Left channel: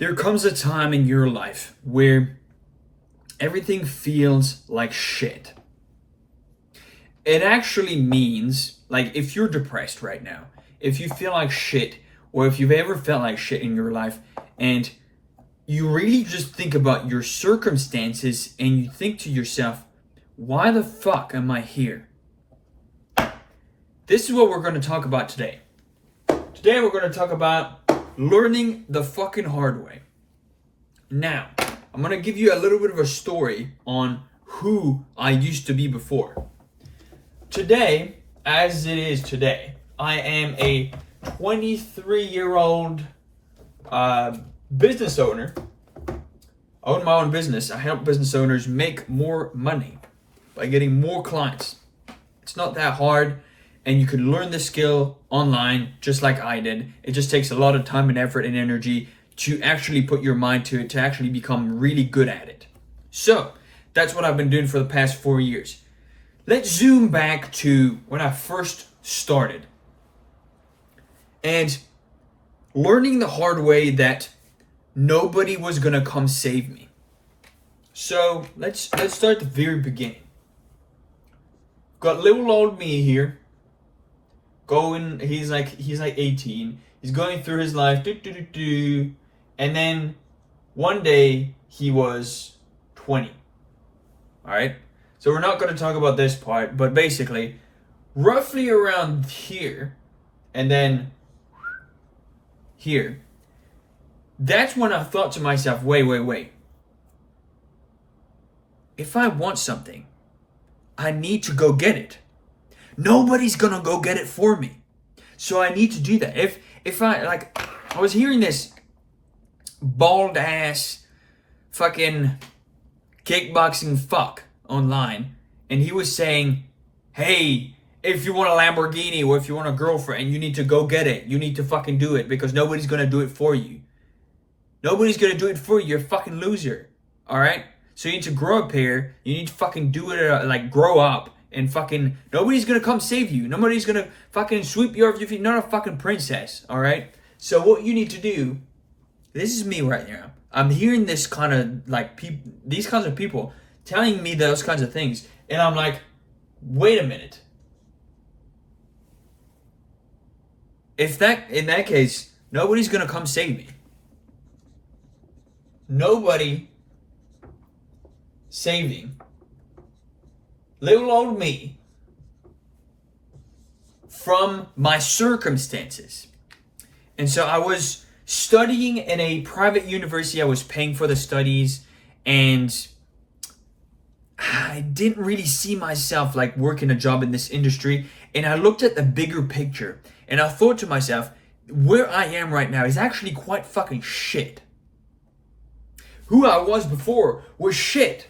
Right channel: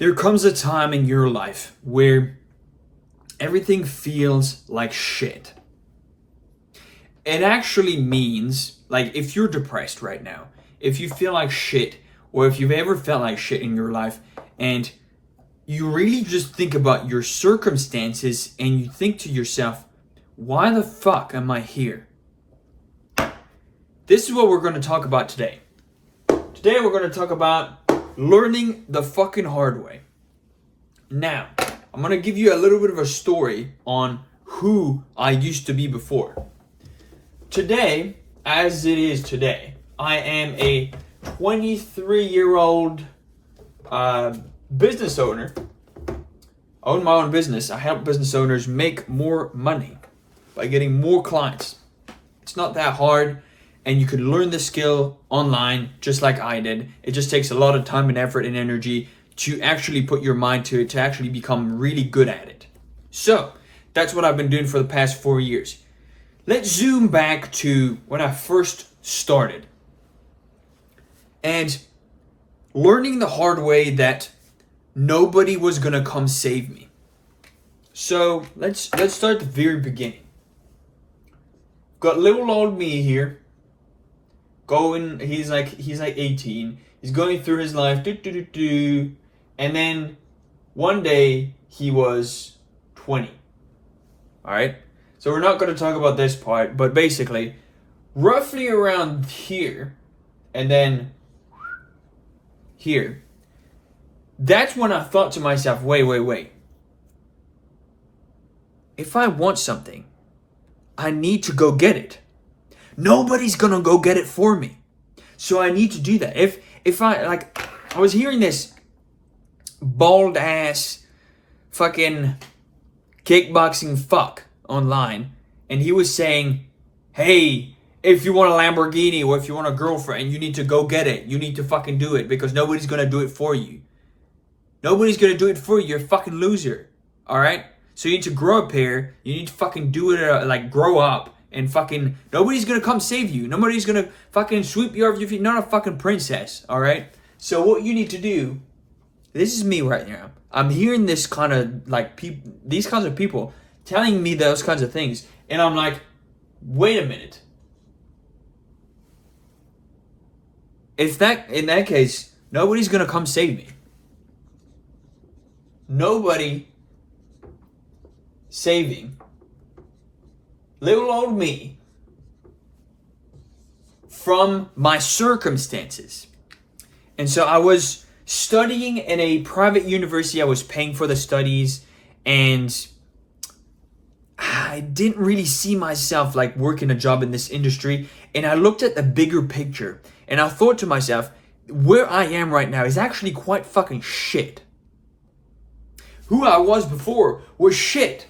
There comes a time in your life where everything feels like shit. It actually means, like, if you're depressed right now, if you feel like shit, or if you've ever felt like shit in your life, and you really just think about your circumstances and you think to yourself, why the fuck am I here? This is what we're going to talk about today. Today we're going to talk about learning the fucking hard way. Now, I'm going to give you a little bit of a story on who I used to be before. Today, as it is today, I am a 23-year-old business owner. I own my own business. I help business owners make more money by getting more clients. It's not that hard, and you can learn the skill online just like I did. It just takes a lot of time and effort and energy to actually put your mind to it, to actually become really good at it. So, that's what I've been doing for the past 4 years. Let's zoom back to when I first started. And learning the hard way that nobody was gonna come save me. So let's start at the very beginning. Got little old me here. He's like 18. He's going through his life, and then one day he was 20. All right. So we're not going to talk about this part, but basically, roughly around here, and then here, that's when I thought to myself, wait. If I want something, I need to go get it. Nobody's going to go get it for me. So I need to do that. If I was hearing this bald ass fucking kickboxing fuck online, and he was saying, hey, if you want a Lamborghini or if you want a girlfriend, you need to go get it. You need to fucking do it because nobody's going to do it for you. Nobody's going to do it for you. You're a fucking loser. All right? So you need to grow up here. You need to fucking do it, grow up and fucking, nobody's going to come save you. Nobody's going to fucking sweep you off your feet. Not a fucking princess. All right? So what you need to do, this is me right now. I'm hearing this kind of these kinds of people telling me those kinds of things. And I'm like, wait a minute. In that case, nobody's going to come save me. Nobody saving little old me from my circumstances. And so I was studying in a private university. I was paying for the studies, and I didn't really see myself working a job in this industry. And I looked at the bigger picture, and I thought to myself, where I am right now is actually quite fucking shit. Who I was before was shit.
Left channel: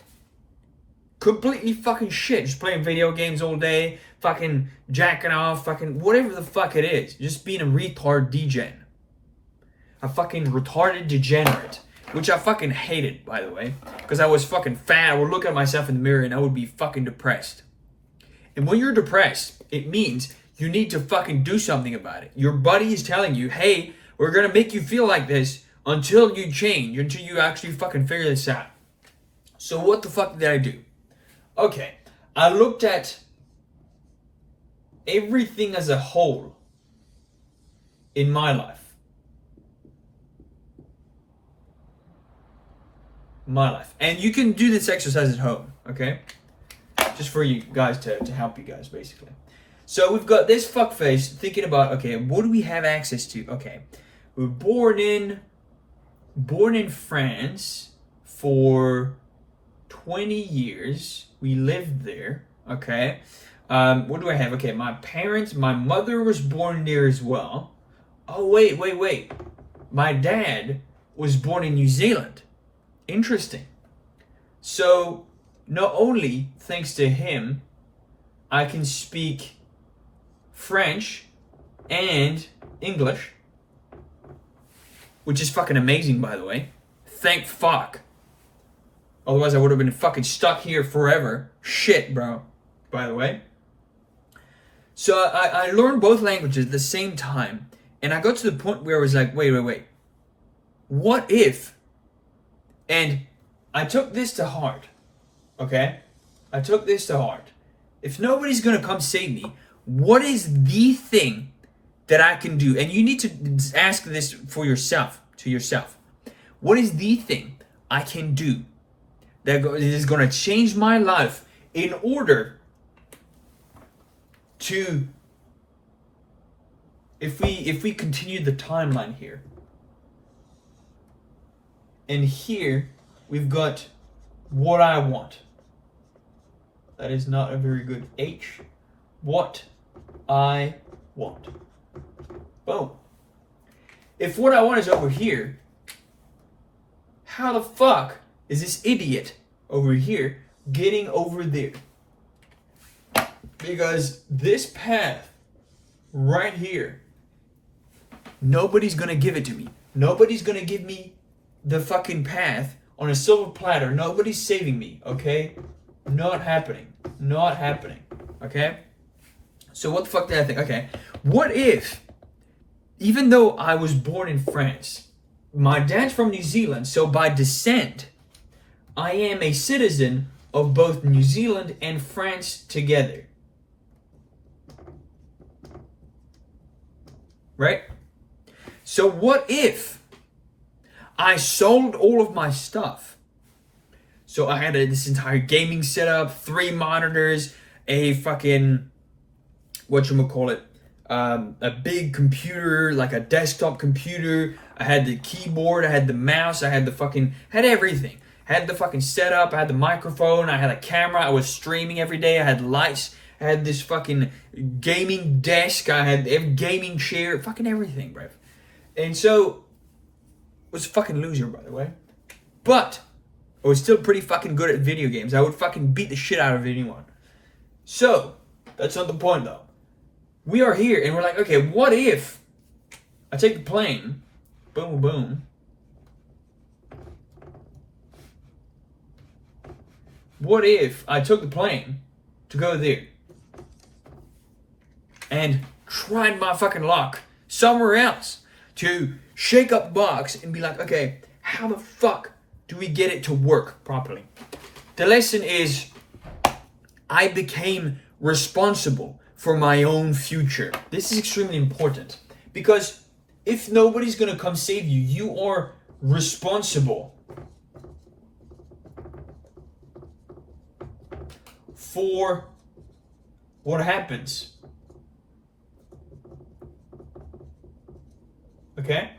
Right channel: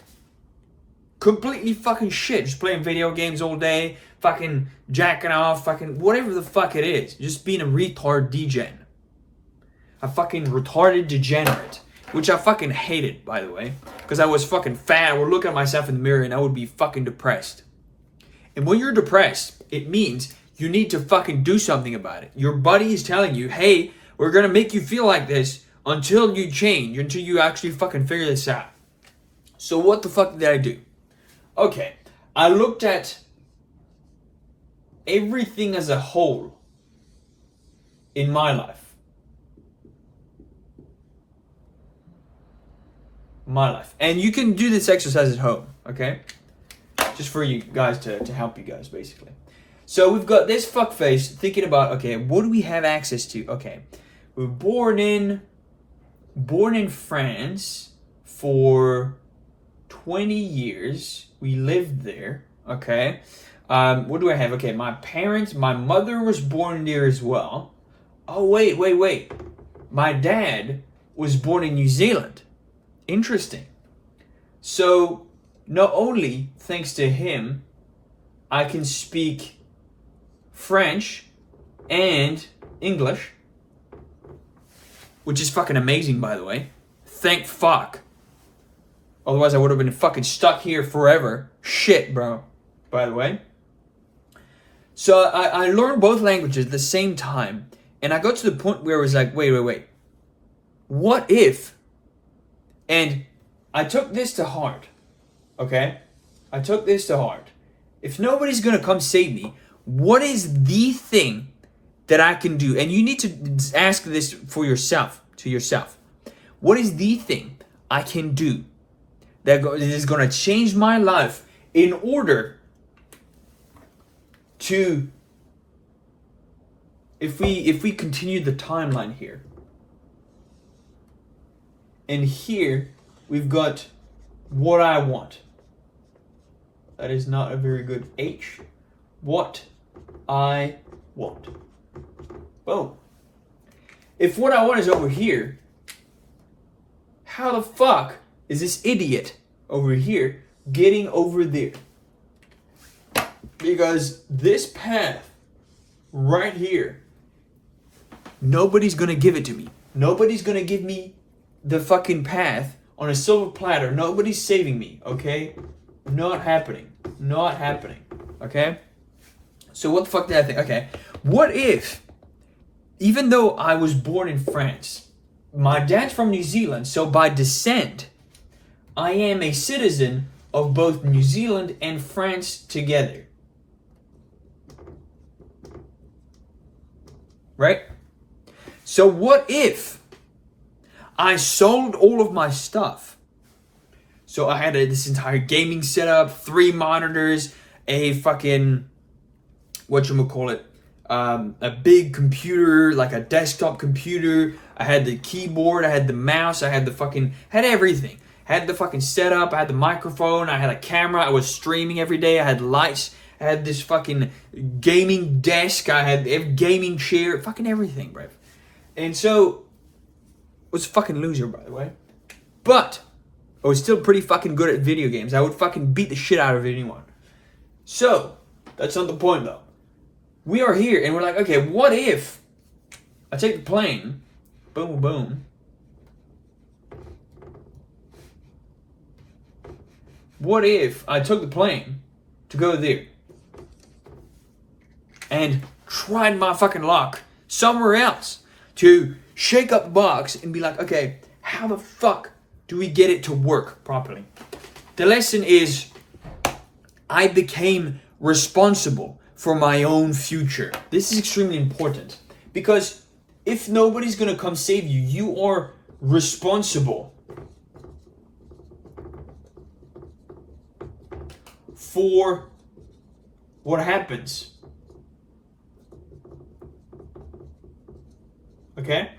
Completely fucking shit. Just playing video games all day, fucking jacking off, fucking whatever the fuck it is. Just being a retard degen. A fucking retarded degenerate. Which I fucking hated, by the way. Because I was fucking fat. I would look at myself in the mirror and I would be fucking depressed. And when you're depressed, it means you need to fucking do something about it. Your buddy is telling you, hey, we're gonna make you feel like this until you change, until you actually fucking figure this out. So what the fuck did I do? Okay, I looked at everything as a whole in my life. And you can do this exercise at home, okay? Just for you guys to help you guys, basically. So we've got this fuckface thinking about, okay, what do we have access to? Okay, we were born in France for 20 years. We lived there, okay? What do I have? Okay, my mother was born there as well. Oh, wait. My dad was born in New Zealand. Interesting. So, not only, thanks to him, I can speak French and English, which is fucking amazing, by the way. Thank fuck. Otherwise, I would have been fucking stuck here forever. Shit, bro. By the way. So I learned both languages at the same time. And I got to the point where I was like, wait. what if, and I took this to heart, okay? I took this to heart. If nobody's gonna come save me, what is the thing that I can do? And you need to ask this for yourself, to yourself. What is the thing I can do that is gonna change my life in order to, if we continue the timeline here, and here we've got what I want. That is not a very good H. What I want. Boom. If what I want is over here, how the fuck is this idiot over here getting over there? Because this path right here, nobody's gonna give it to me. Nobody's gonna give me the fucking path on a silver platter. Nobody's saving me, okay? Not happening. Not happening. Okay? So what the fuck did I think? Okay. What if, even though I was born in France, my dad's from New Zealand, so by descent, I am a citizen of both New Zealand and France together. Right? So what if I sold all of my stuff? So I had this entire gaming setup, 3 monitors, a fucking, whatchamacallit, a big computer, like a desktop computer. I had the keyboard, I had the mouse, I had had everything. I had the fucking setup, I had the microphone, I had a camera, I was streaming every day, I had lights, I had this fucking gaming desk, I had a gaming chair, fucking everything, bro. And so, was a fucking loser, by the way. But I was still pretty fucking good at video games. I would fucking beat the shit out of anyone. So, that's not the point though. We are here and we're like, okay, what if I take the plane, boom, boom. What if I took the plane to go there and tried my fucking luck somewhere else to shake up the box and be like, okay, how the fuck do we get it to work properly? The lesson is I became responsible for my own future. This is extremely important because if nobody's gonna come save you, you are responsible for what happens. Okay?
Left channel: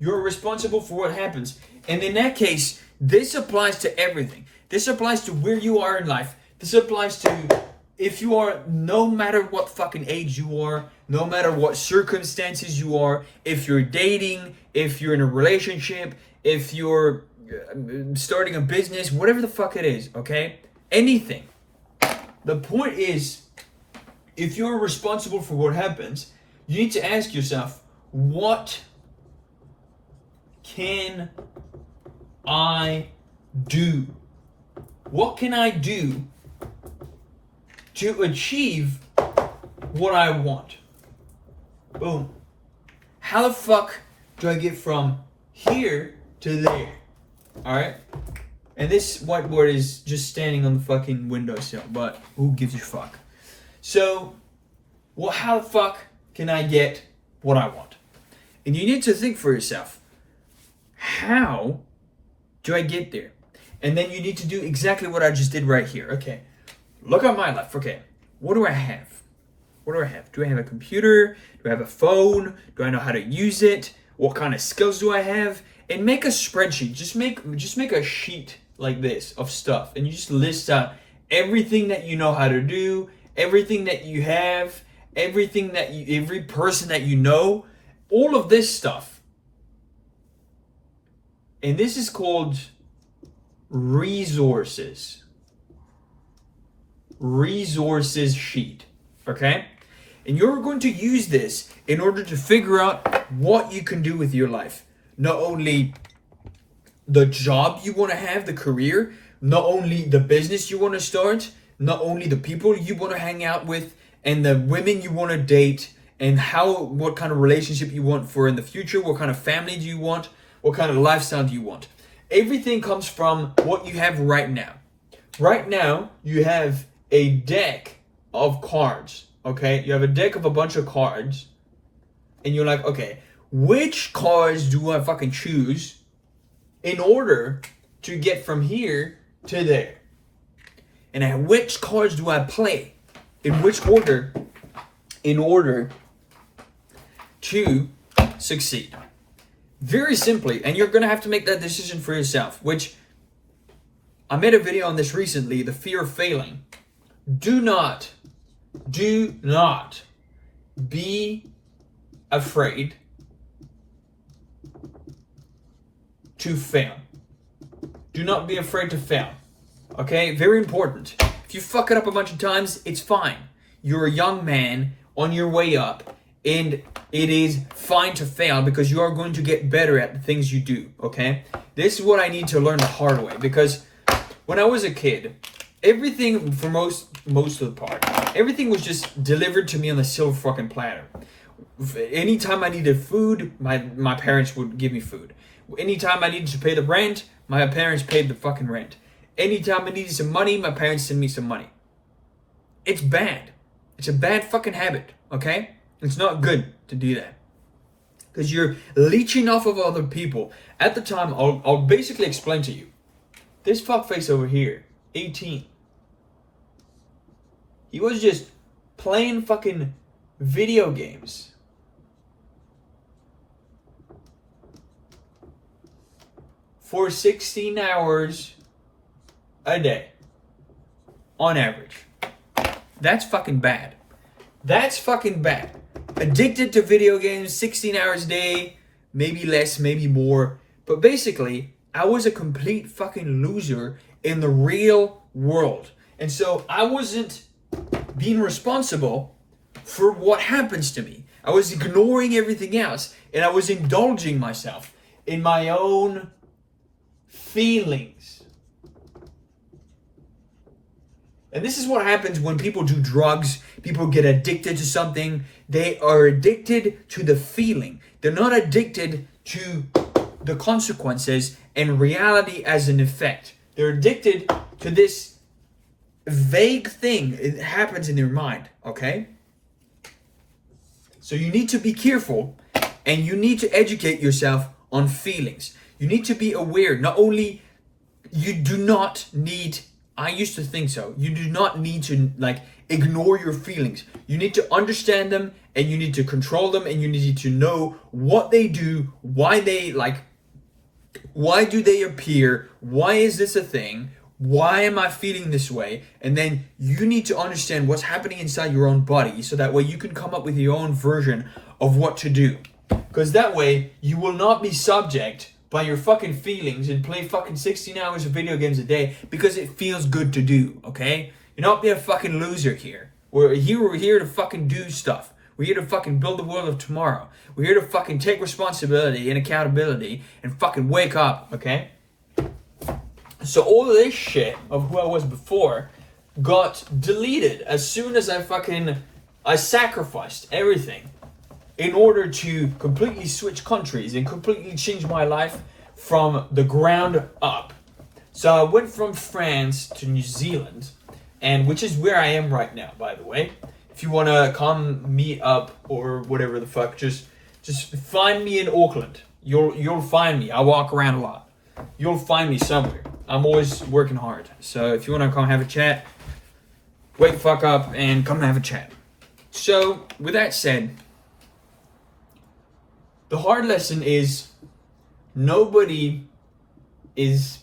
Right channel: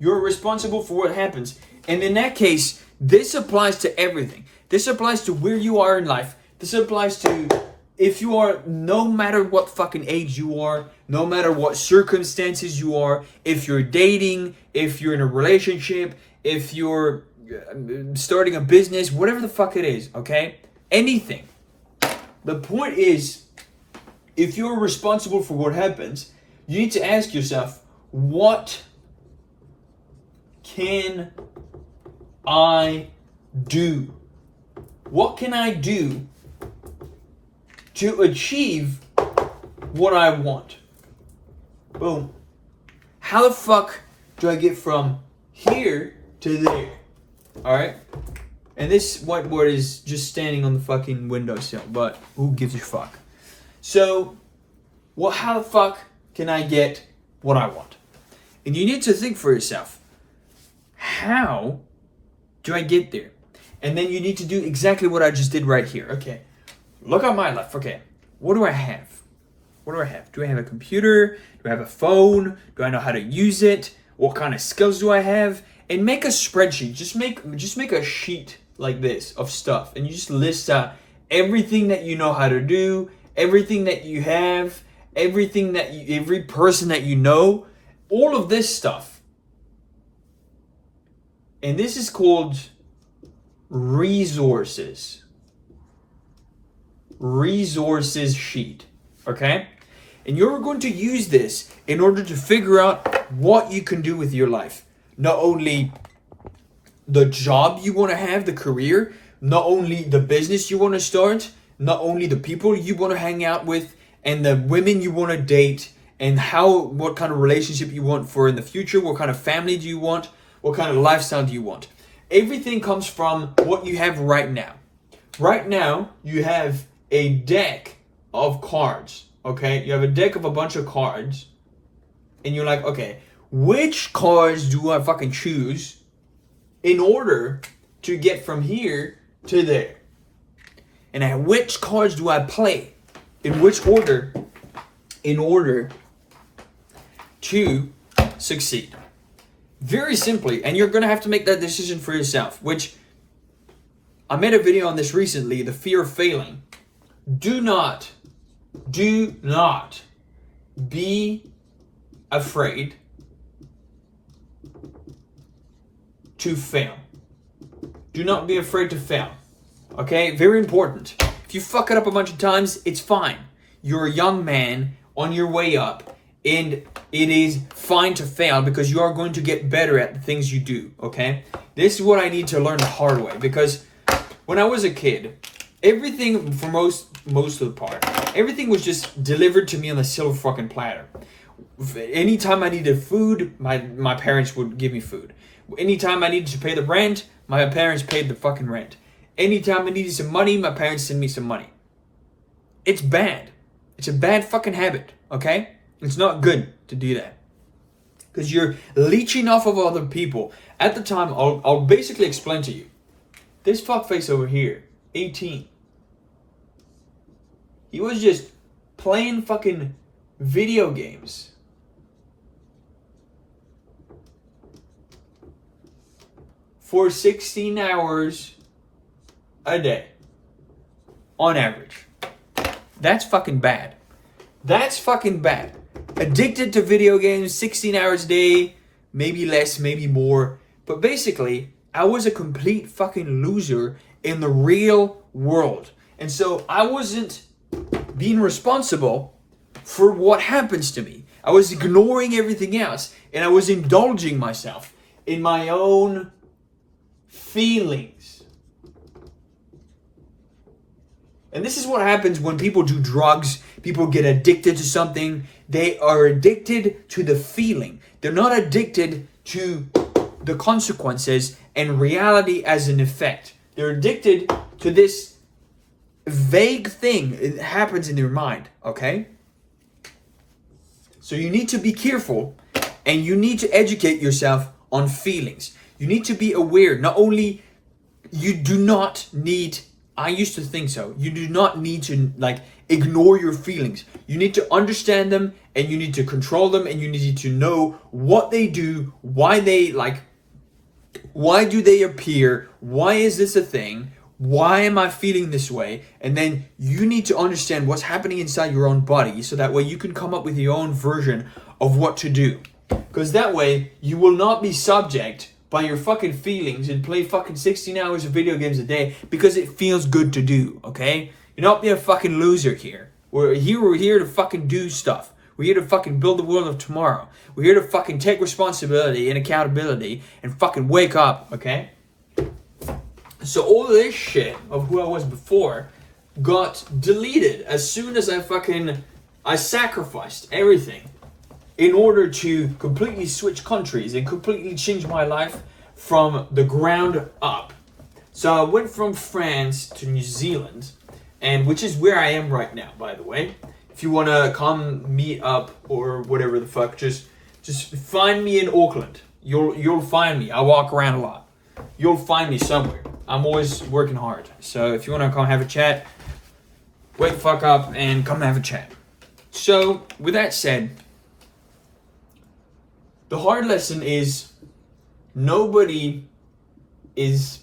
You're responsible for what happens. And in that case, this applies to everything. This applies to where you are in life. This applies to if you are, no matter what fucking age you are, no matter what circumstances you are, if you're dating, if you're in a relationship, if you're starting a business, whatever the fuck it is, okay? Anything. The point is, if you're responsible for what happens, you need to ask yourself, what can I do? What can I do to achieve what I want? Boom. How the fuck do I get from here to there? Alright? And this whiteboard is just standing on the fucking windowsill, but who gives a fuck? So, how the fuck can I get what I want? And you need to think for yourself, how do I get there? And then you need to do exactly what I just did right here. Okay, look at my life. Okay, what do I have? What do I have? Do I have a computer? Do I have a phone? Do I know how to use it? What kind of skills do I have? And make a spreadsheet. Just make a sheet like this of stuff, and you just list out everything that you know how to do, everything that you have, every person that you know, all of this stuff. And this is called resources. Resources sheet. Okay? And you're going to use this in order to figure out what you can do with your life. Not only the job you want to have, the career, not only the business you want to start, not only the people you want to hang out with, and the women you want to date, and what kind of relationship you want for in the future, what kind of family do you want, What kind of lifestyle do you want? Everything comes from what you have right now. Right now, you have a deck of cards, okay? You have a deck of a bunch of cards, and you're like, okay, which cards do I fucking choose in order to get from here to there? And which cards do I play? In which order? In order to succeed. Very simply, and you're going to have to make that decision for yourself, which I made a video on this recently, the fear of failing. Do not be afraid to fail. Do not be afraid to fail. Okay? Very important. If you fuck it up a bunch of times, it's fine. You're a young man on your way up, and it is fine to fail because you are going to get better at the things you do, okay? This is what I need to learn the hard way, because when I was a kid, everything, for most of the part, everything was just delivered to me on a silver fucking platter. Anytime I needed food, my parents would give me food. Anytime I needed to pay the rent, my parents paid the fucking rent. Anytime I needed some money, my parents sent me some money. It's bad. It's a bad fucking habit, okay? It's not good to do that. Because you're leeching off of other people. At the time, I'll basically explain to you. This fuckface over here, 18. He was just playing fucking video games. For 16 hours a day. On average. That's fucking bad. That's fucking bad. Addicted to video games, 16 hours a day, maybe less, maybe more. But basically, I was a complete fucking loser in the real world. And so I wasn't being responsible for what happens to me. I was ignoring everything else, and I was indulging myself in my own feelings. And this is what happens when people do drugs. People get addicted to something. They are addicted to the feeling. They're not addicted to the consequences and reality as an effect. They're addicted to this vague thing. It happens in their mind, okay? So you need to be careful, and you need to educate yourself on feelings. You need to be aware. Not only, you do not need, I used to think so, you do not need to ignore your feelings. You need to understand them, and you need to control them, and you need to know what they do, why do they appear, why is this a thing, why am I feeling this way, and then you need to understand what's happening inside your own body, so that way you can come up with your own version of what to do. Because that way, you will not be subject by your fucking feelings and play fucking 16 hours of video games a day because it feels good to do, okay? You're not being a fucking loser here. We're here to fucking do stuff. We're here to fucking build the world of tomorrow. We're here to fucking take responsibility and accountability and fucking wake up, okay? So all of this shit of who I was before got deleted as soon as I sacrificed everything in order to completely switch countries and completely change my life from the ground up. So I went from France to New Zealand, and which is where I am right now, by the way. If you want to come meet up or whatever the fuck, just find me in Auckland. You'll find me. I walk around a lot. You'll find me somewhere. I'm always working hard. So if you want to come have a chat, wake the fuck up and come have a chat. So with that said, the hard lesson is nobody is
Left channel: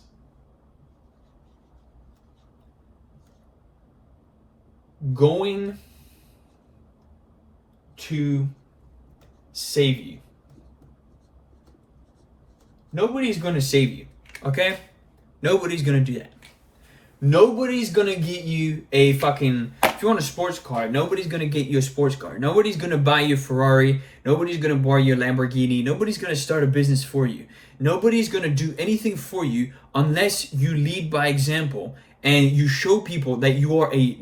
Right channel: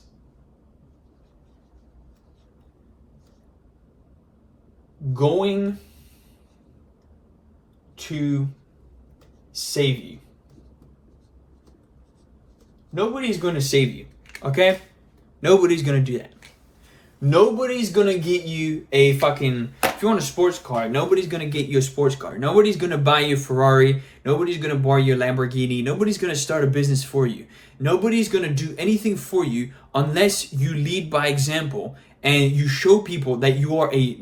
going to save you. Nobody's going to save you, okay? Nobody's going to do that. Nobody's going to get you a fucking, if you want a sports car, nobody's going to get you a sports car. Nobody's going to buy you a Ferrari. Nobody's going to buy you a Lamborghini. Nobody's going to start a business for you. Nobody's going to do anything for you unless you lead by example and you show people that you are a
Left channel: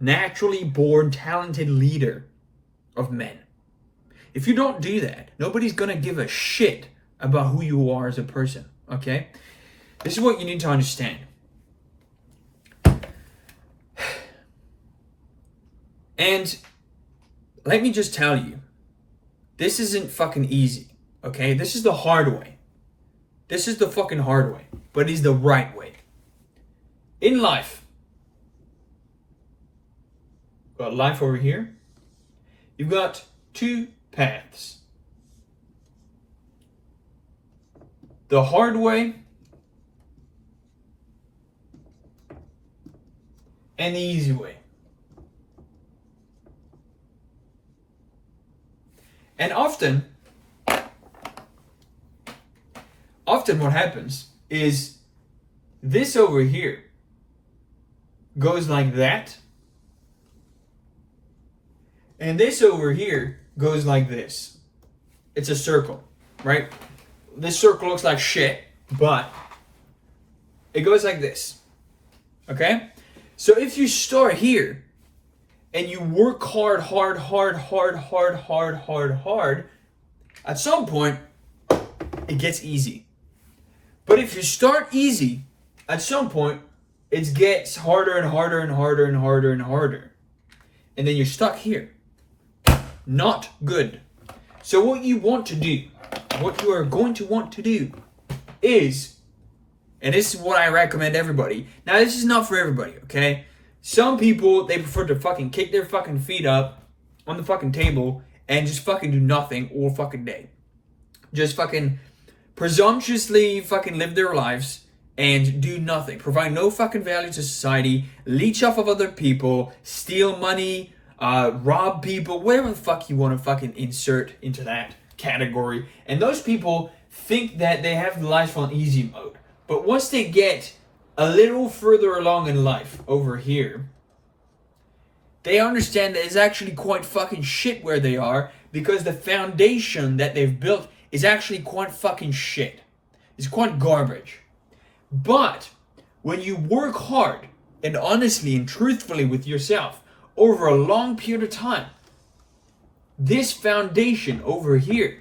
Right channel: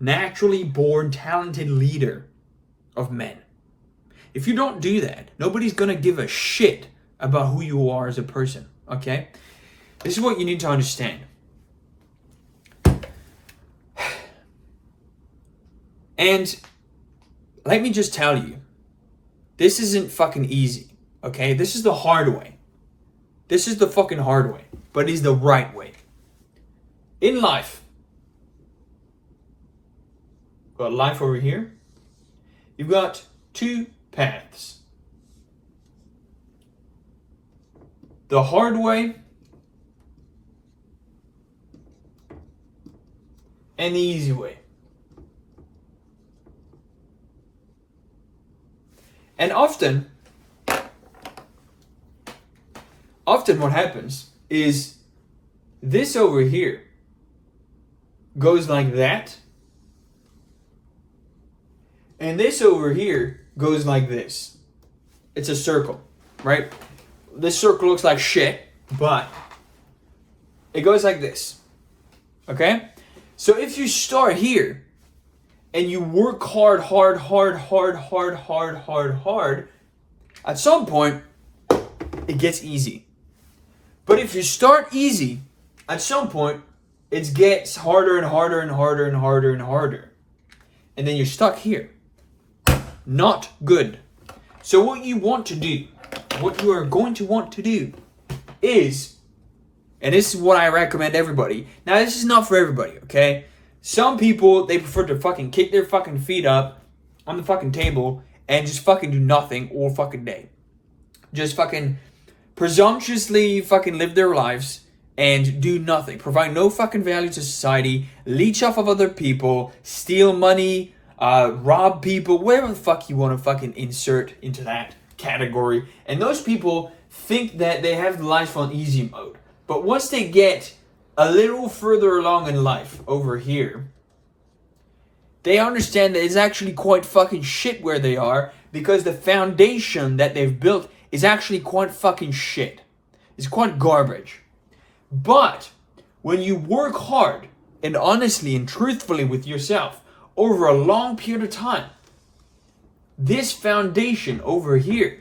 naturally born, talented leader of men. If you don't do that, nobody's gonna give a shit about who you are as a person, okay? This is what you need to understand. And let me just tell you, this isn't fucking easy, okay? This is the hard way. This is the fucking hard way, but it's the right way. In life, got life over here. You've got two paths. The hard way and the easy way. And often what happens is this over here goes like that. And this over here goes like this. It's a circle, right? This circle looks like shit, but it goes like this. Okay? So if you start here and you work hard, at some point it gets easy. But if you start easy, at some point it gets harder and harder and harder and harder and harder. And then you're stuck here. Not good. So what you want to do, what you are going to want to do is, and this is what I recommend everybody. Now this is not for everybody, okay? Some people, they prefer to fucking kick their fucking feet up on the fucking table and just fucking do nothing all fucking day. Just fucking presumptuously fucking live their lives and do nothing. Provide no fucking value to society, leech off of other people, steal money, rob people, whatever the fuck you want to fucking insert into that category. And those people think that they have life on easy mode. But once they get a little further along in life over here, they understand that it's actually quite fucking shit where they are, because the foundation that they've built is actually quite fucking shit. It's quite garbage. But when you work hard and honestly and truthfully with yourself over a long period of time, this foundation over here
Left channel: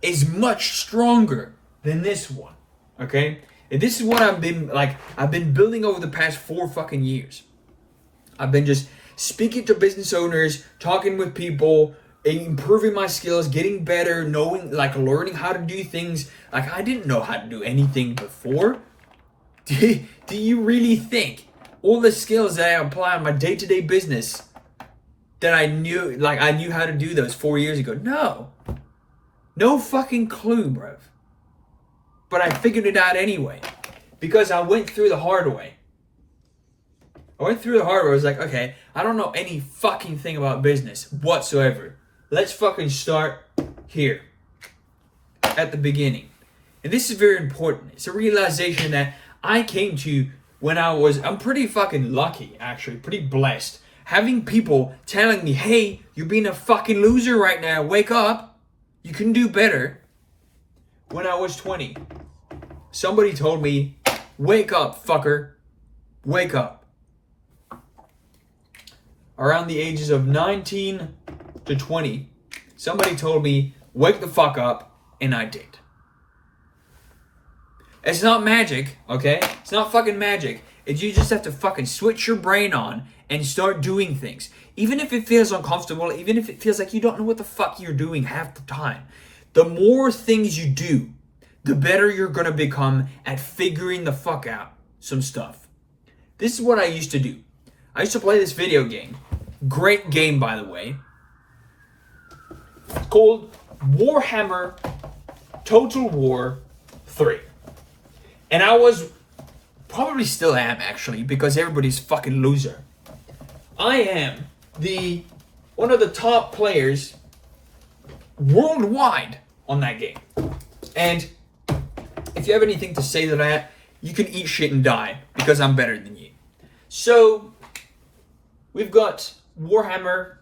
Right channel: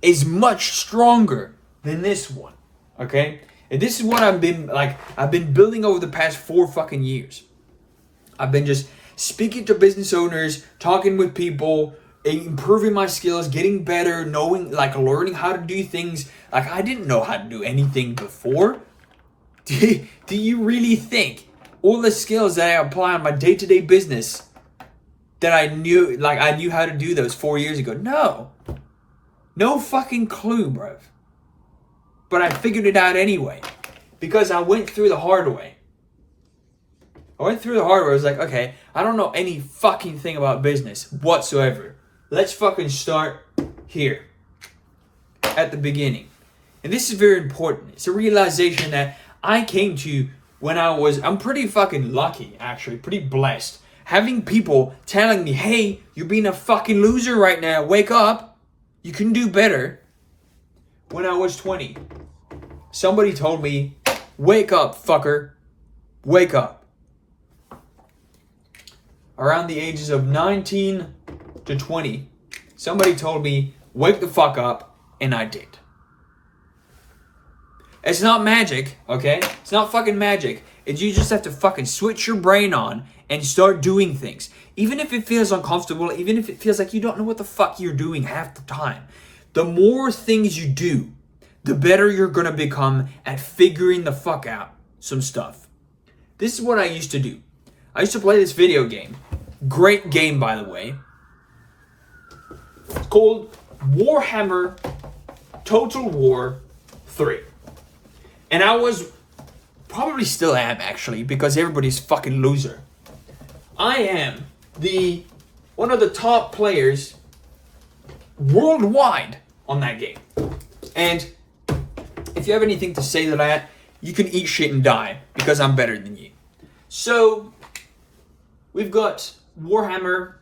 is much stronger than this one, okay? And this is what I've been building over the past 4 fucking years. I've been just speaking to business owners, talking with people, improving my skills, getting better, learning how to do things. Like, I didn't know how to do anything before. Do you really think all the skills that I apply on my day-to-day business that I knew how to do those 4 years ago? No fucking clue, bruv. But I figured it out anyway, because I went through the hard way. I was like, okay, I don't know any fucking thing about business whatsoever. Let's fucking start here at the beginning. And this is very important. It's a realization that I came to when I'm pretty fucking lucky, actually, pretty blessed. Having people telling me, hey, you're being a fucking loser right now. Wake up. You can do better. When I was 20, somebody told me, wake up, fucker. Wake up. Around the ages of 19 to 20, somebody told me, wake the fuck up, and I did. It's not magic, okay? It's not fucking magic. It's you just have to fucking switch your brain on and start doing things. Even if it feels uncomfortable, even if it feels like you don't know what the fuck you're doing half the time. The more things you do, the better you're gonna become at figuring the fuck out some stuff. This is what I used to do. I used to play this video game. Great game, by the way. Called Warhammer Total War 3. And I was, probably still am actually, because everybody's fucking loser. I am one of the top players worldwide on that game. And if you have anything to say to that, you can eat shit and die, because I'm better than you. So, we've got Warhammer,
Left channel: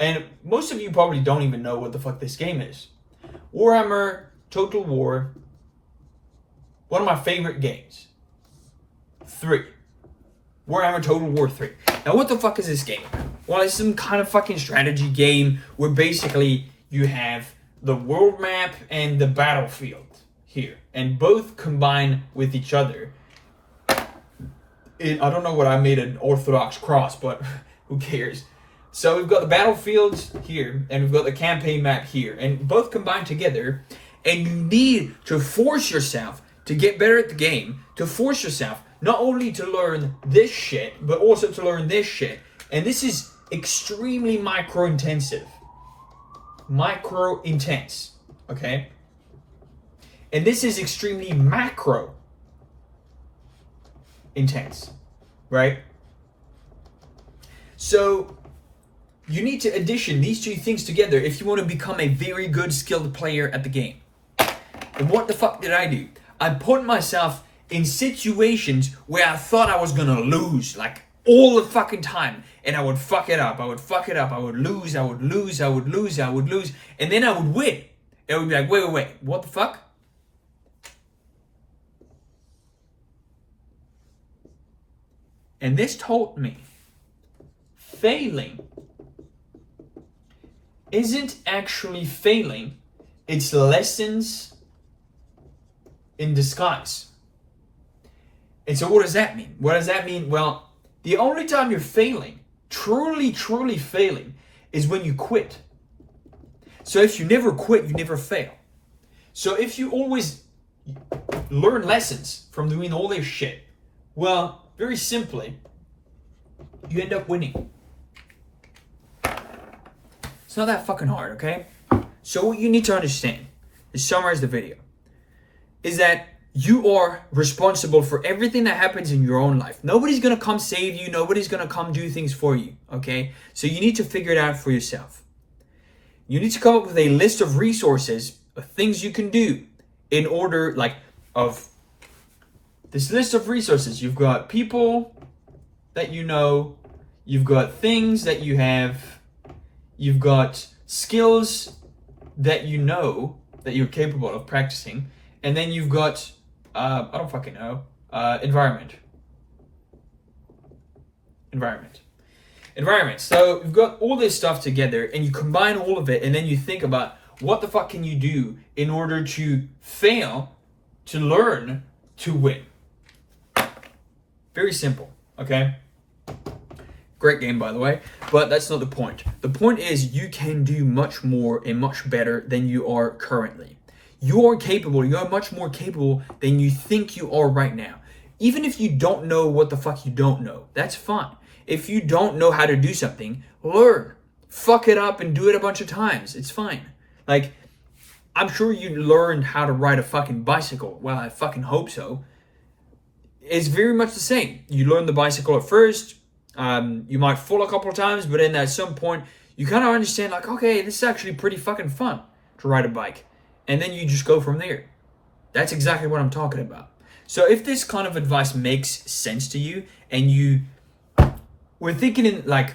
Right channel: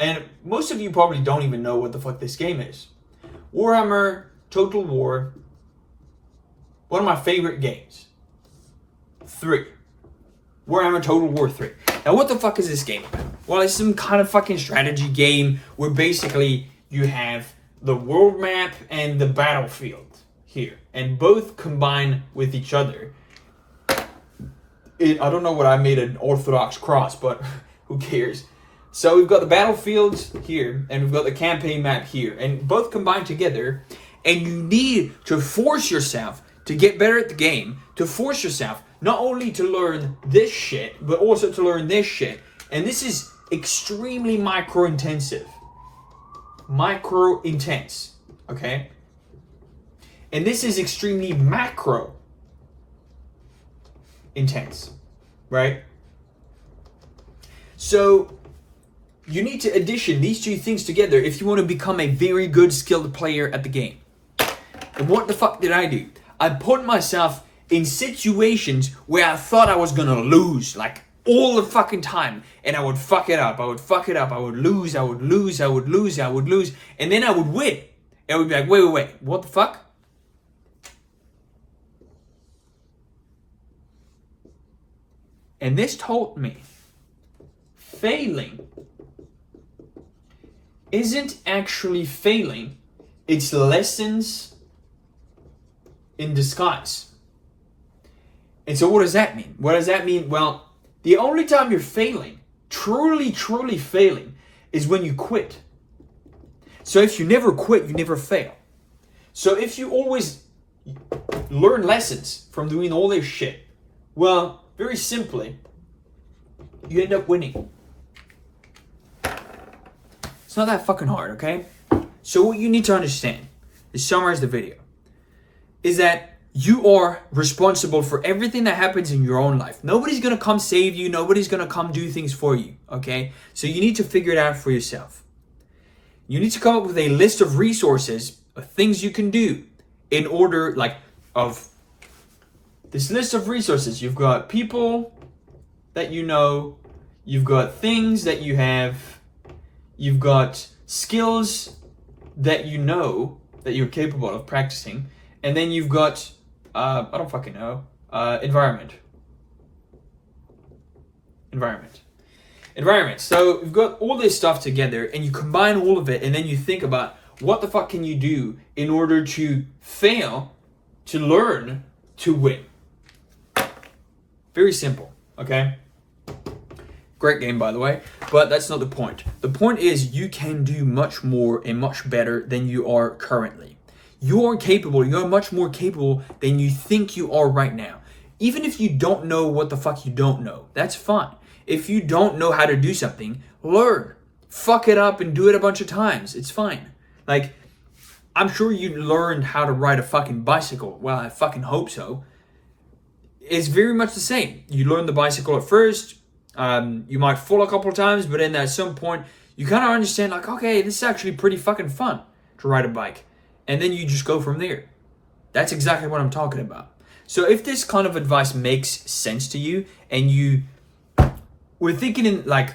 and most of you probably don't even know what the fuck this game is. Warhammer Total War, one of my favorite games. 3. Warhammer Total War 3. Now what the fuck is this game about? Well, it's some kind of fucking strategy game where basically you have the world map and the battlefield here, and both combine with each other. I don't know what I made an Orthodox cross, but who cares? So we've got the battlefields here, and we've got the campaign map here, and both combine together, and you need to force yourself to get better at the game, to force yourself not only to learn this shit, but also to learn this shit. And this is extremely micro-intensive. Micro-intense, okay? And this is extremely macro-intense, right? So you need to addition these two things together if you want to become a very good skilled player at the game. And what the fuck did I do? I put myself in situations where I thought I was gonna lose, like all the fucking time. And I would fuck it up, I would fuck it up, I would lose, I would lose, I would lose, I would lose. And then I would win. And I would be like, wait, what the fuck? And this told me failing isn't actually failing, it's lessons in disguise. And so what does that mean? What does that mean? Well, the only time you're failing, truly failing, is when you quit. So if you never quit, you never fail. So if you always learn lessons from doing all this shit, well, very simply, you end up winning. It's not that fucking hard, okay? So what you need to understand, to summarize the video, is that you are responsible for everything that happens in your own life. Nobody's gonna come save you. Nobody's gonna come do things for you, okay? So you need to figure it out for yourself. You need to come up with a list of resources, of things you can do in order, like, of this list of resources. You've got people that you know, you've got things that you have, you've got skills that you know, that you're capable of practicing, and then you've got, I don't fucking know, environment. So you've got all this stuff together, and you combine all of it, and then you think about what the fuck can you do in order to fail, to learn, to win. Very simple, okay? Great game, by the way, but that's not the point. The point is you can do much more and much better than you are currently. You are capable, you are much more capable than you think you are right now. Even if you don't know what the fuck you don't know, that's fine. If you don't know how to do something, learn. Fuck it up and do it a bunch of times. It's fine. Like, I'm sure you learned how to ride a fucking bicycle. Well, I fucking hope so. It's very much the same. You learn the bicycle at first. You might fall a couple of times, but then at some point, you kind of understand, like, okay, this is actually pretty fucking fun to ride a bike. And then you just go from there. That's exactly what I'm talking about. So if this kind of advice makes sense to you, and you were thinking in like,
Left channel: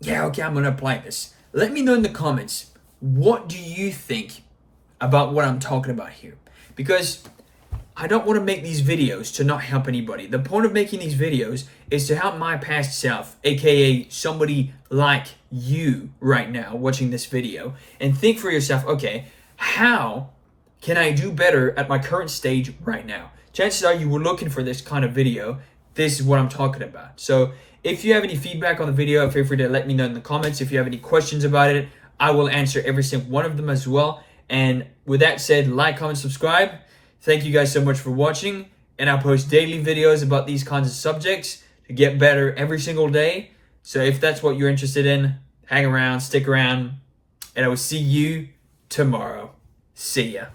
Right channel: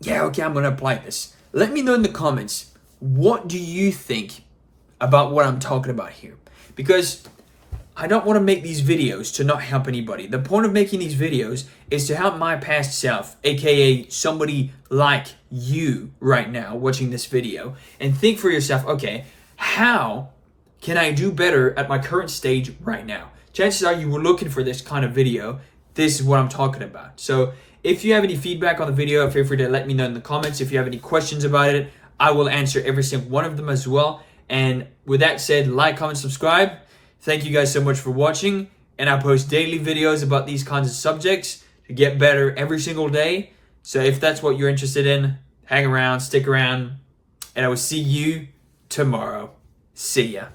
yeah, okay, I'm going to apply this. Let me know in the comments, what do you think about what I'm talking about here? Because I don't want to make these videos to not help anybody. The point of making these videos is to help my past self, aka somebody like you right now watching this video, and think for yourself, okay, how can I do better at my current stage right now? Chances are you were looking for this kind of video. This is what I'm talking about. So if you have any feedback on the video, feel free to let me know in the comments. If you have any questions about it, I will answer every single one of them as well. And with that said, like, comment, subscribe. Thank you guys so much for watching. And I post daily videos about these kinds of subjects to get better every single day. So if that's what you're interested in, hang around, stick around, and I will see you tomorrow. See ya.